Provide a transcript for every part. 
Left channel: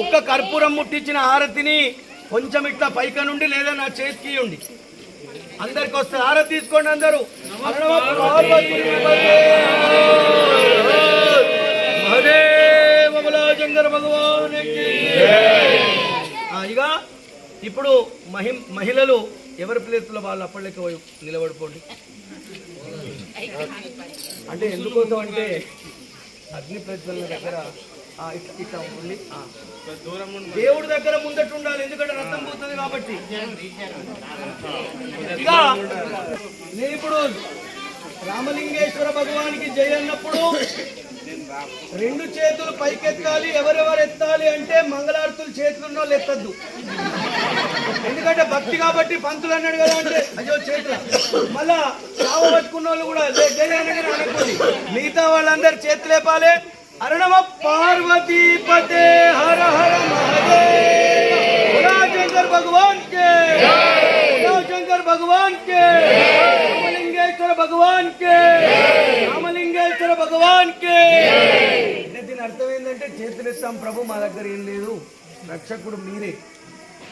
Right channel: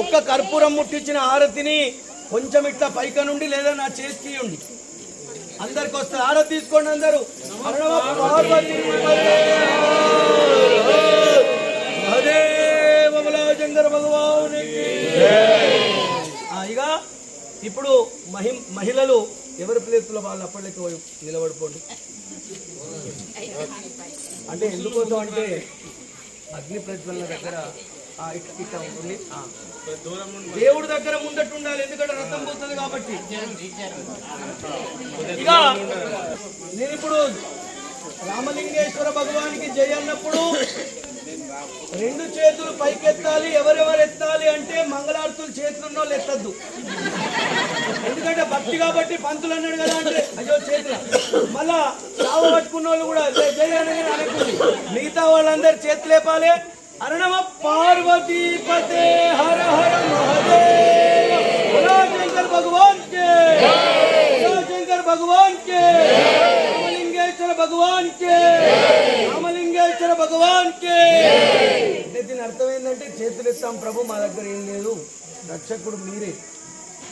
ఒక్క కర్పూరం ముట్టించిన హారతిని కొంచెం ఇట్లా పైక నుండి లేదా నా చేతికి ఉండి అందరికి వస్తే హారతి తీసుకోండి అందరూ. మహదేవ శంకర భగవానికి. ఇక ఇప్పుడు మహిళలు ఎవరి ప్లేస్లో వాళ్ళు అప్పటికి నిలబడిపోండి. అంటే ఎందుకోసం అంటే అగ్ని ప్రజ్వలన దగ్గర ఇట్లా ఉంటుంది. దేవుడి దగ్గర ముందట్టు ఉండాలి, ఎందుకంటే రథం పోతుంది కాబట్టి. ఇక నేను ఇప్పుడు రామలింగేశ్వర భగవానికి జై అన్నప్పుడు 2 చేతులు పైకెత్తాలి. ఎవరెవరు ఎత్తాలి అంటే మంగళారతులు చేతులున్న వాళ్ళు ఎత్తద్దు, ఎందుకంటే భక్తి కాబట్టి. పంతులు అన్నాడు కదా అంటే అయ్యో చేతుల. మళ్ళా చావ పట్టుకున్న వాళ్ళు కూడా జై అనగానే అనుకుంది. మిగతా వాళ్ళందరూ చేతులు లేపాలి. అరణమ పార్వతీపతే హర హర మహాదేవ శంకర్ భగవాన్ కే, శంకర్ భగవాన్ కే, రామలింగేశ్వర భగవాన్ కే, రామలింగేశ్వర భగవాన్ కే. దీని అర్థం ఏంటంటే చేతులు ఇస్తాం ప్రభు, మా దగ్గర ఏం లేదు, రక్షకుడు మీరే,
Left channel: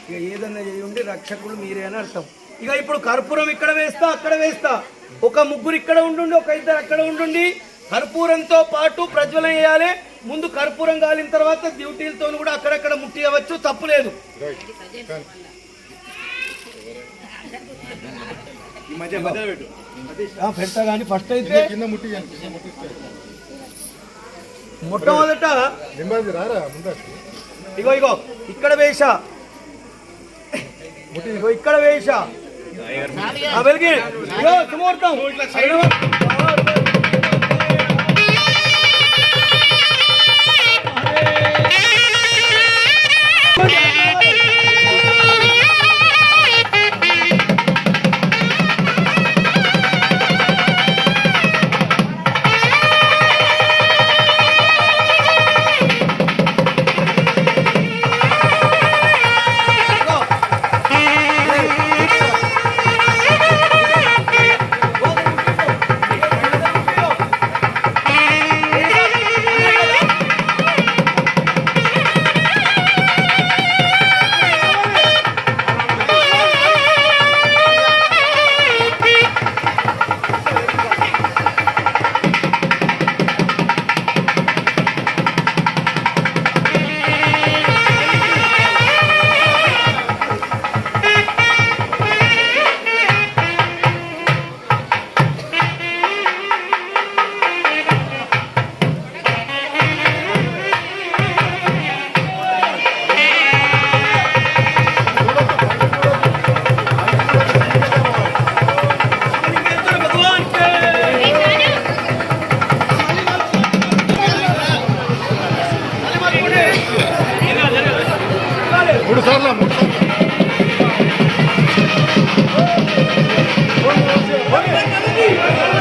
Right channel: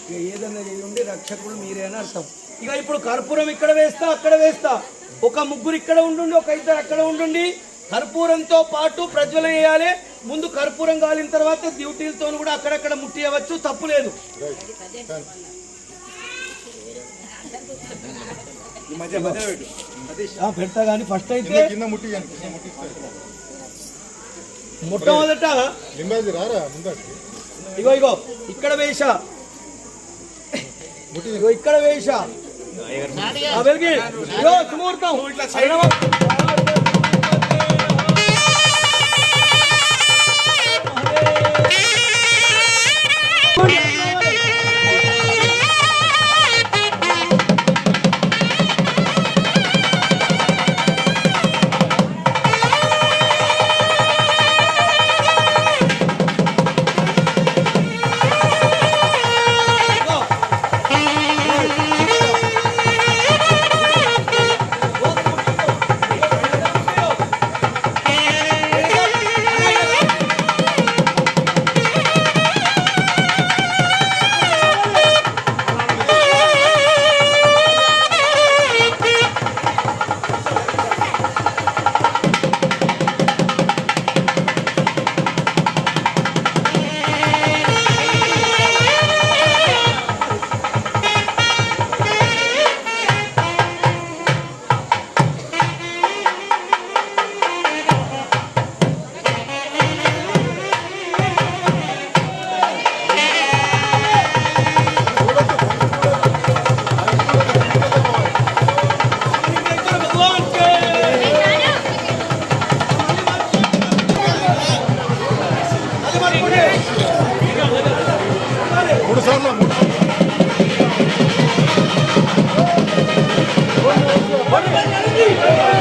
ఇక ఏదన్నా చేయండి, రక్షకుడు మీరే అని అర్థం. ఇక ఇప్పుడు కర్పూరం ఇక్కడ వేస్తా, అక్కడ వేస్తా. ఒక ముగ్గురు ఇక్కడ ఉండుండి, ఒక ఇద్దరు అక్కడ ఉండుండి. కర్పూరంతో పాటు ప్రజ్వలన చేయాలి. ముందు కర్పూరం కాలిన తర్వాత డ్యూటీలతో కూడా అక్కడక్కడ ముట్టియవచ్చు, తప్పులేదు. పెడతా కానీ ఫస్ట్ అయితే మొట్టమొదట ఇగో ఇగో ఇక్కడ వేసా, ఇగో ఇక్కడ వేసా వెలిగి సుముహూర్తం. Vamos,